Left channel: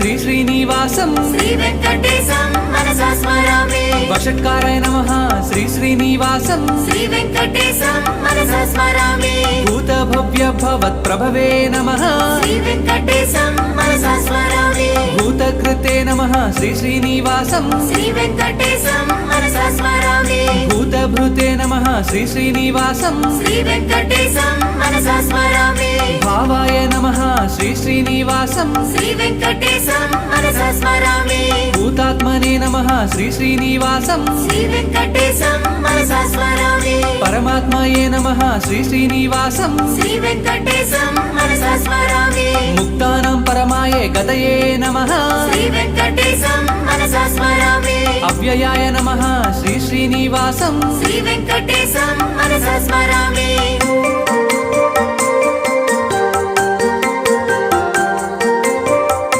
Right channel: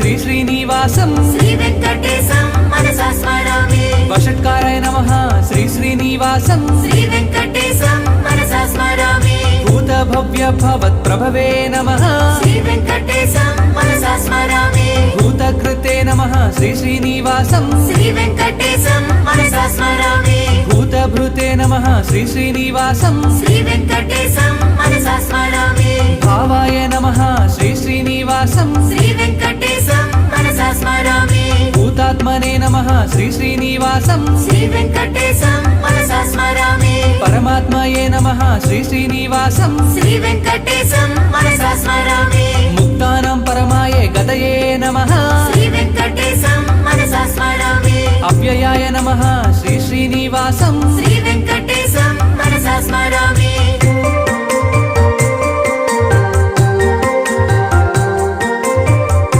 శ్రీ శ్రీనివాసం శ్రీవేంకటేశం మనసా స్మరామి వషట్కారాయ నమః శ్రీ శ్రీనివాసం శ్రీవేంకటేశం మనసా స్మరామి భూత భవ్య భవత్ ప్రభవే నమః శ్రీవేంకటేశం మనసా స్మరామి భూతకృతే నమః శ్రీ శ్రీనివాసం శ్రీవేంకటేశం మనసా స్మరామి భూతభృతే నమః శ్రీ శ్రీనివాసం శ్రీవేంకటేశం మనసా స్మరామి భావాయ నమః శ్రీ శ్రీనివాసం శ్రీవేంకటేశం మనసా స్మరామి భూతాత్మనే నమః శ్రీ శ్రీనివాసం శ్రీవేంకటేశం మనసా స్మరామి పరమాత్మయే నమః శ్రీ శ్రీనివాసం శ్రీవేంకటేశం మనసా స్మరామి ముక్తానాం పరమాయే గతయే నమః శ్రీవేంకటేశం మనసా స్మరామి అవ్యయాయ నమః శ్రీ శ్రీనివాసం శ్రీవేంకటేశం మనసా స్మరామి